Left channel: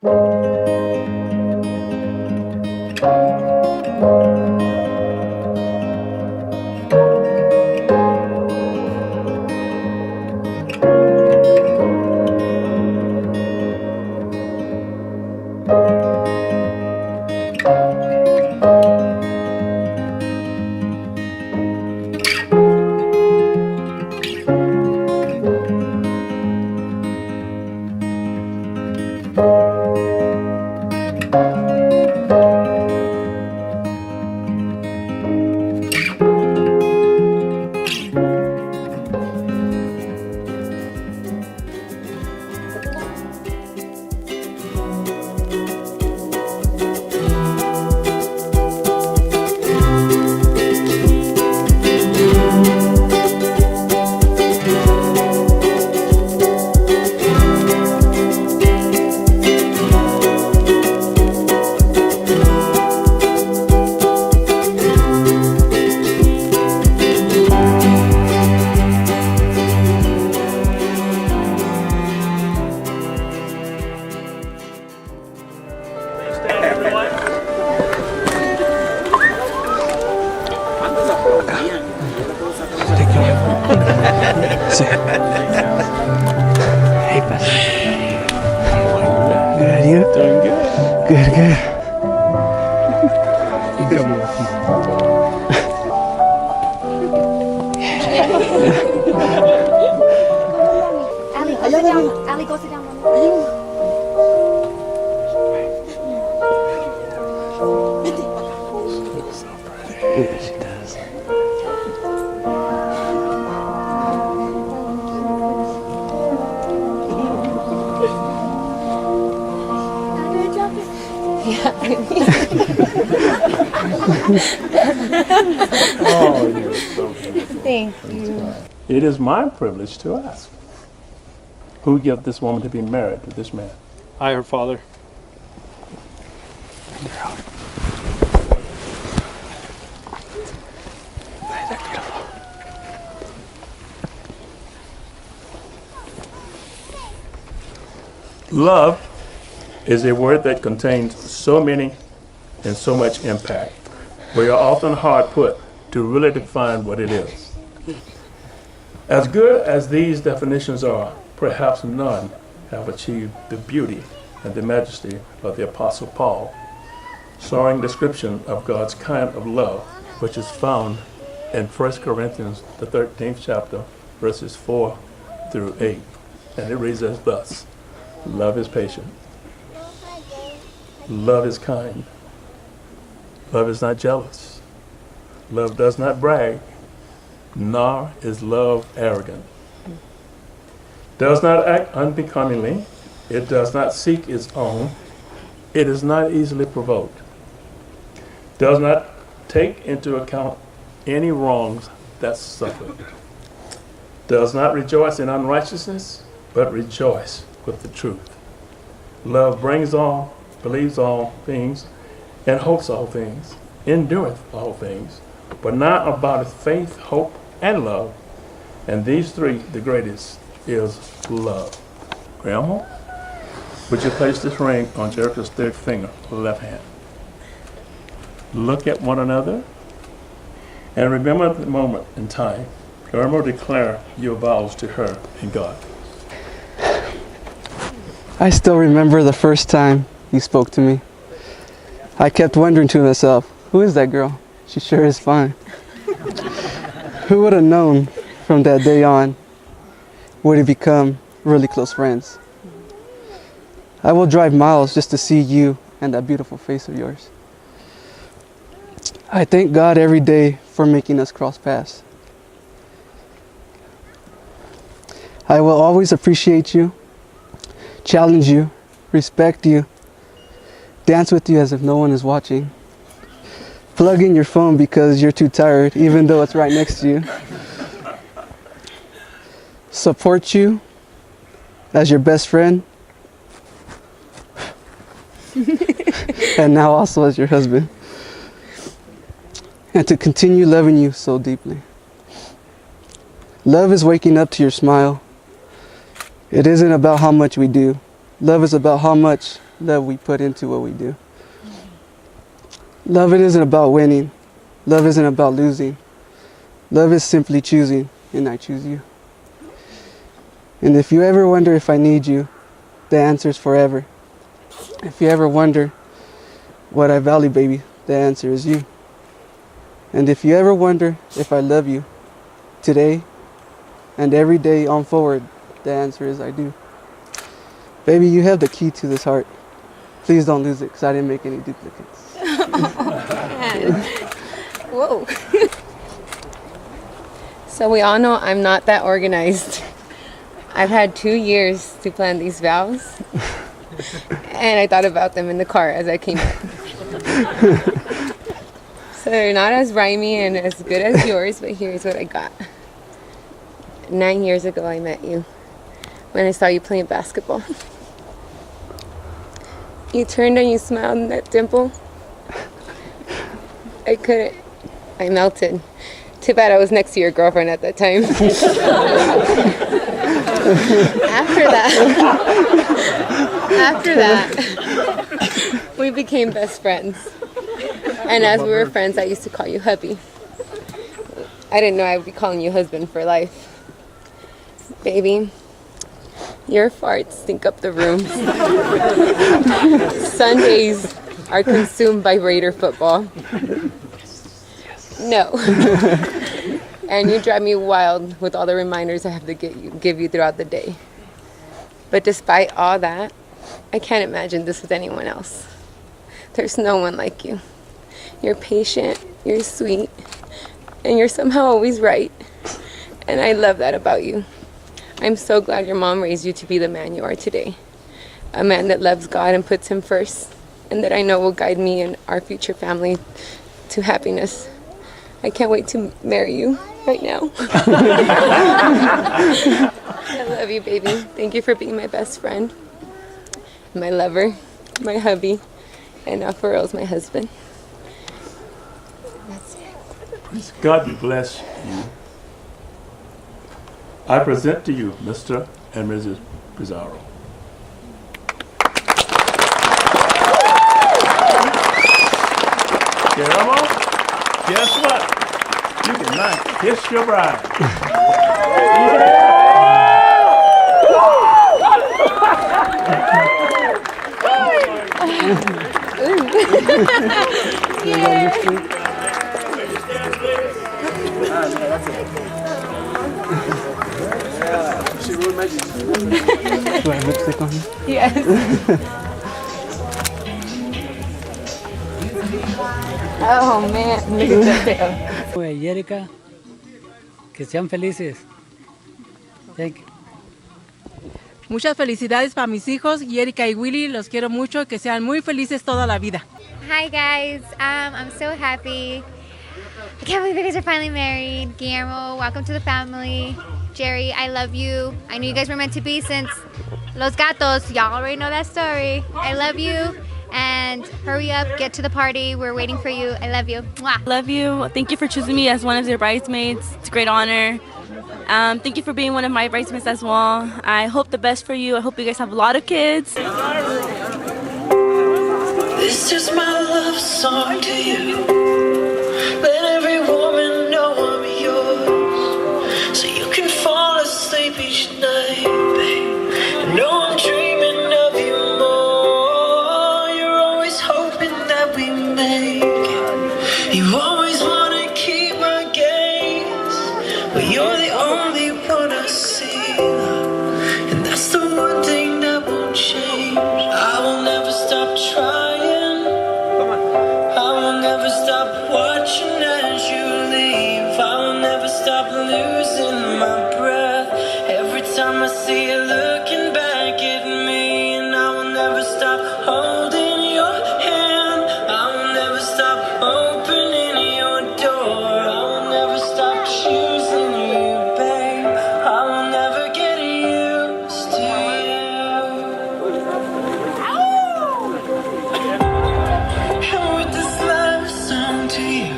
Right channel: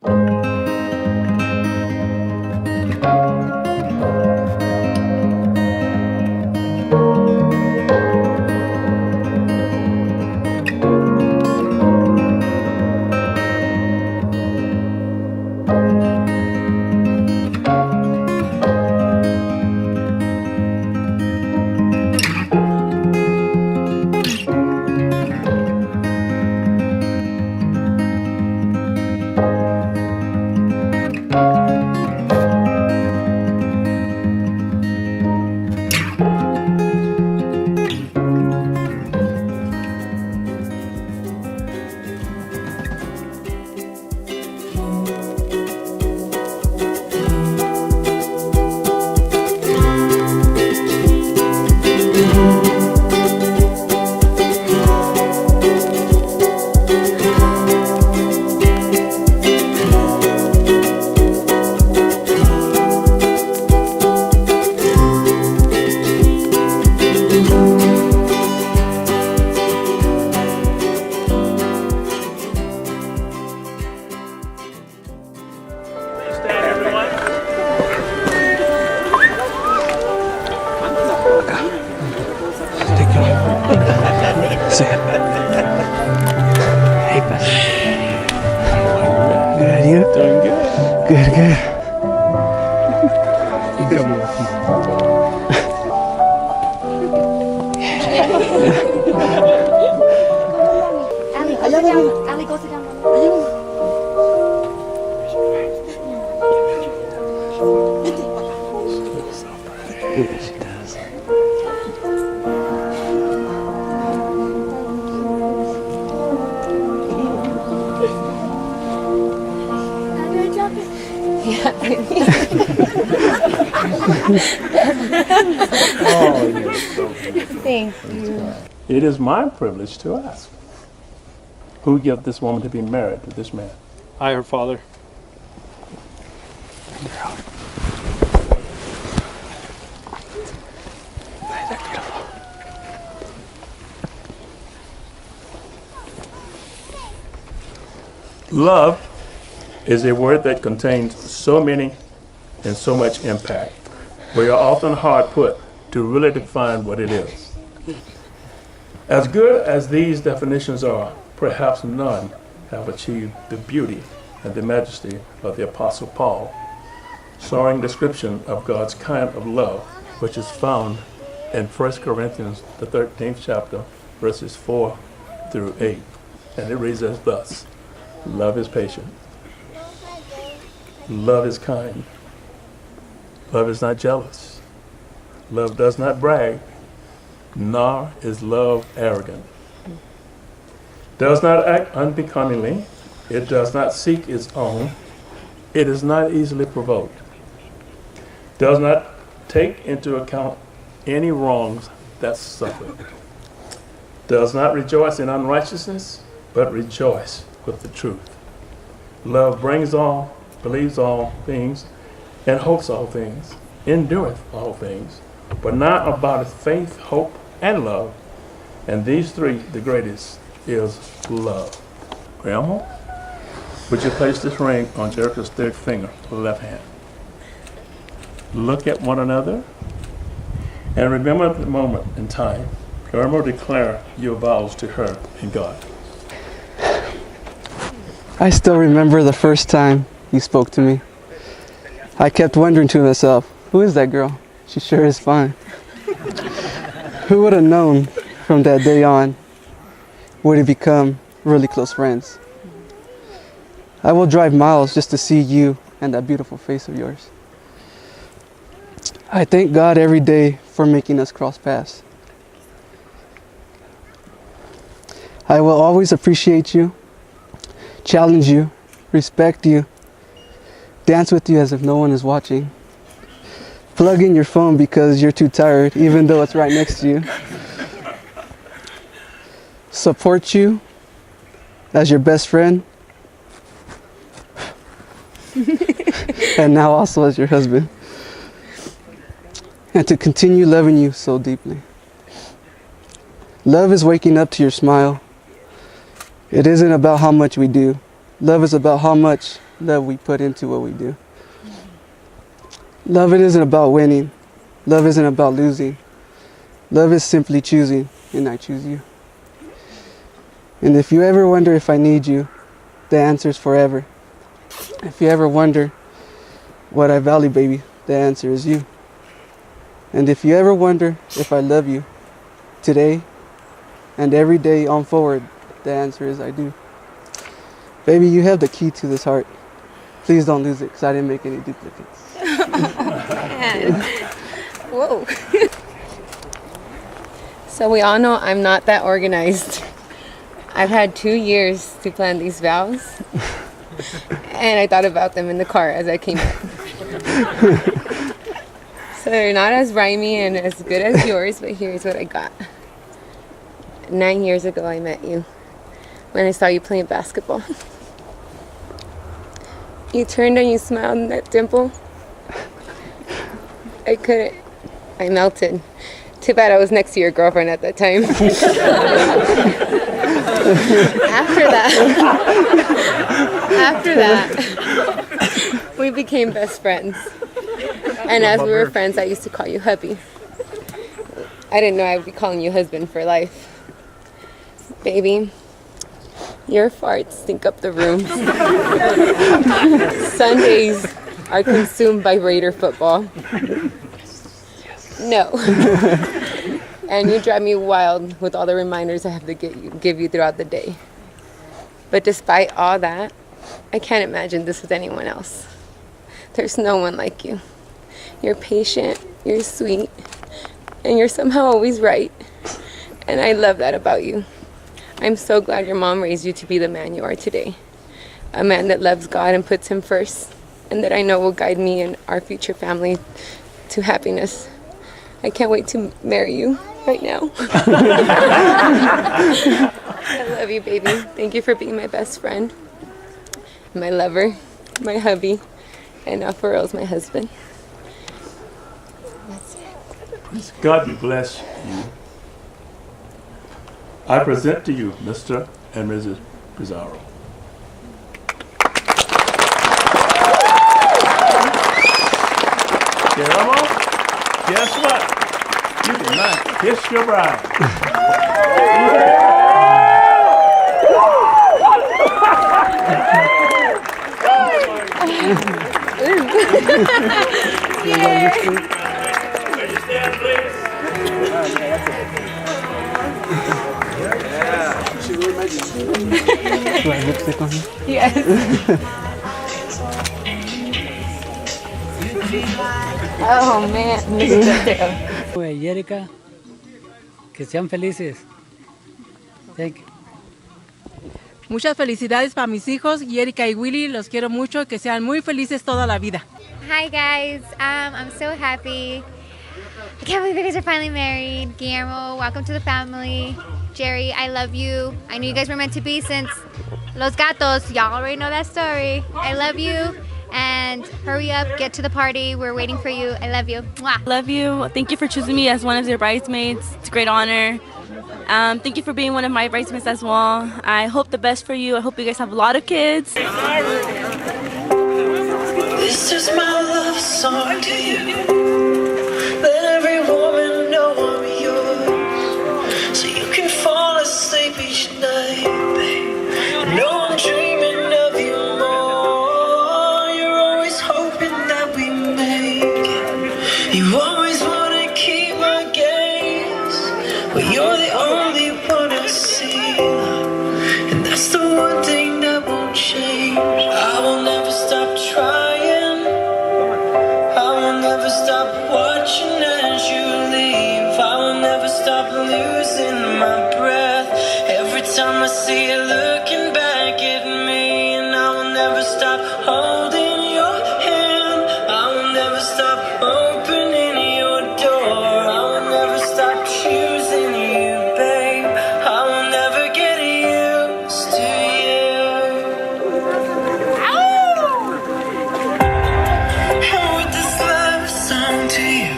Hey, Pastor. Good, you? Doing good. Good, good. You come with me. Allie, go sit down. Allie, go sit down. Yeah, she does. Oh, you're so beautiful. Thank you. It is my privilege to ask, who gave this woman to be married to this man? I, her father. Love is a word that contains so many and so much impact. We are often hard put to really define what it is. As good as these definitions are, perhaps none have achieved the beauty and the majesty of the Apostle Paul, soaring description of God's kind of love, which is found in 1 Corinthians, the 13th chapter, verses 4 through 8. And it reads as thus: love is patient. Love is kind. Love is not jealous. Love does not brag, nor is love arrogant. Does not act unbecomingly. It does not seek its own. It is not easily provoked. Does not take into account any wrongs that's suffered. Does not rejoice in unrighteousness, but rejoice with the truth. Love brings all, believes all things, and hopes all things, endureth all things. But now abideth faith, hope, and love, and these three, the greatest, is love. Grandma, would you place this ring on Jerrika's third finger, left hand? Look at one another, and remember the moment in time. Grandma, declare your vows to her and God. I still remember the first time you spoke to me. I kept wondering to myself, who is that girl? She sure is fine. Who would have known from that day on would have become really close friends? I will drive miles just to see you and that beautiful face of yours. I thank God every day for making us cross paths. I will always appreciate you, challenge you, respect you, dance with you as if no one is watching, plug in your phone because you're too tired, even though it's right next to you, support you as your best friend, and now also as your husband, and to continue loving you so deeply. Love is waking up to your smile. It isn't about how much we do. Love is about how much love we put into what we do. Love it isn't about winning. Love isn't about losing. Love is simply choosing, and I choose you. And if you ever wonder if I need you, the answer is forever. If you ever wonder what I value, baby, the answer is you. And if you ever wonder if I love you, today and every day on forward, the answer is I do. Baby, you have the key to this heart. Please don't lose it, because I didn't make any duplicates. Whoa. So we all know I'm not that organized. I've had 2 years to plan these vows. And I thought about them in the car as I came up. So they're not as rhymey and as good as yours, but here's what I got. 9 years ago I met you when I saw you playing basketball. You turned and you smiled, and that dimple, I couldn't. I melted. Too bad I was next to your girlfriend at that time. After that, we became best friends. And as we were friends, I used to call you hubby. I didn't know I would be calling you husband for life. Baby, your farts stink up the room. Sundays are consumed by Raider football. No. And you drive me wild with all the reminders I have to give you throughout the day. But despite all that, I can't imagine this with anyone else. There's no one like you. You're patient, you're sweet, and you're somehow always right. And I love that about you. I'm so glad your mom raised you to be the man you are today. A man that loves God and puts him first, and that I know will guide me and our future family to happiness. I can't wait to marry you right now. I love you, baby. Thank you for being my best friend, my lover, my hubby, and now for real, my husband. That's it. God bless you. I present to you Mr. and Mrs. Pizarro. Guillermo, guess what? You can now kiss your bride. Do I have lipstick on? Yes. Oh man, look at that tail. Jerrika, que sean felices. Thank you. Muchas felicidades para mis hijos, Jerrika y Willy. Los quiero mucho y que sean muy felices toda la vida. Hi guys, I'm so happy. I can't believe you guys are finally married. Guillermo, welcome to the family. Jerry, I love you. I knew you guys were meant to be since Los Gatos. Y'all already know that story. I love you. And hurry up, get to the party. We're waiting for you. I love you. Mwah. Love you. Thank you for choosing me as one of your bridesmaids. It's a great honor. Thank you for being one of my bridesmaids as well. I hope the best for you. I hope you guys have a lot of kids. This is my love song to you. Let every woman know I'm yours, so you can fall asleep each night, babe. I know I'm dreaming of you more. You're always hoping that we make it. You always want to keep my gaze, but you're the only one I see, and that's the one thing that won't change. I will never stop trying. Stop watching as you leave. I will never stop losing my breath every time I see you looking back at me. And I will never stop holding your hand. I will never stop opening your door. I will never stop choosing you, babe. I will never get used to you. And with this love song to you,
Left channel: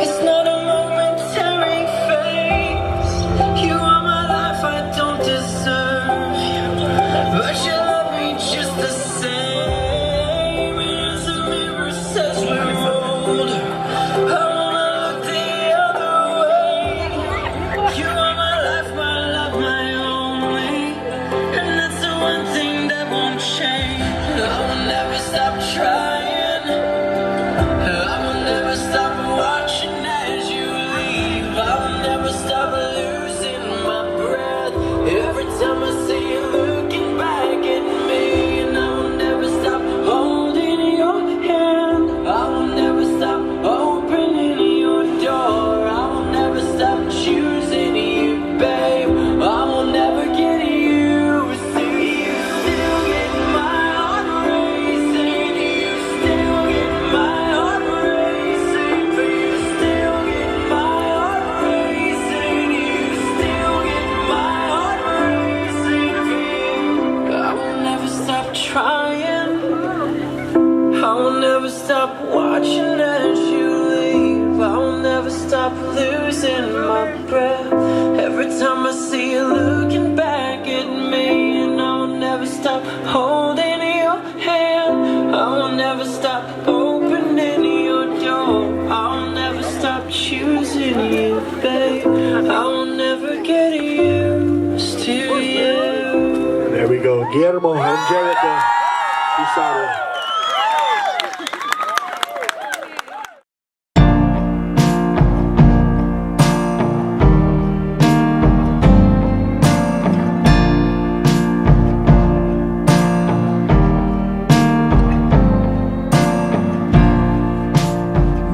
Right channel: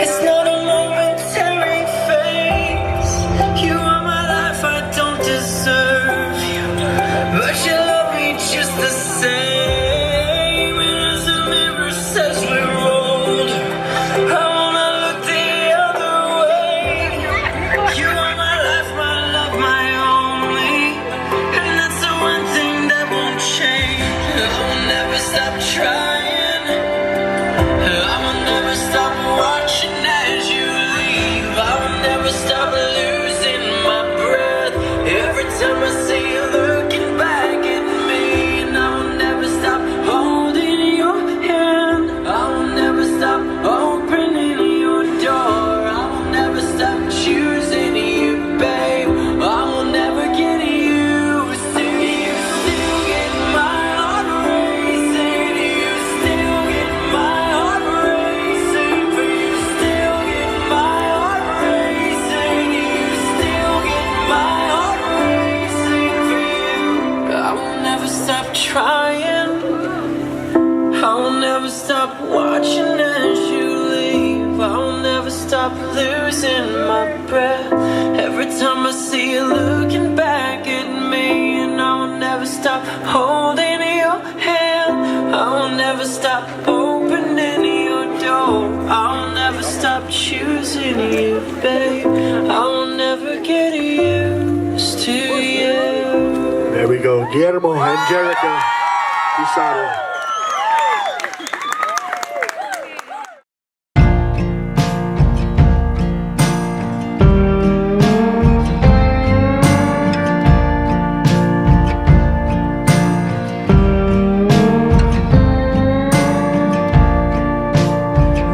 it's not a momentary phase. You are my life, I don't deserve you, but you love me just the same. I will never stop watching as you leave. I will never stop losing my breath every time I see you looking back at me. And I will never stop holding your hand. I will never stop opening your door. I will never stop choosing you, babe. I will never get used to you. There we go, Guillermo and Jerrika. Usado.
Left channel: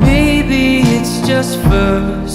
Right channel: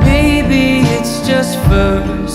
Maybe it's just first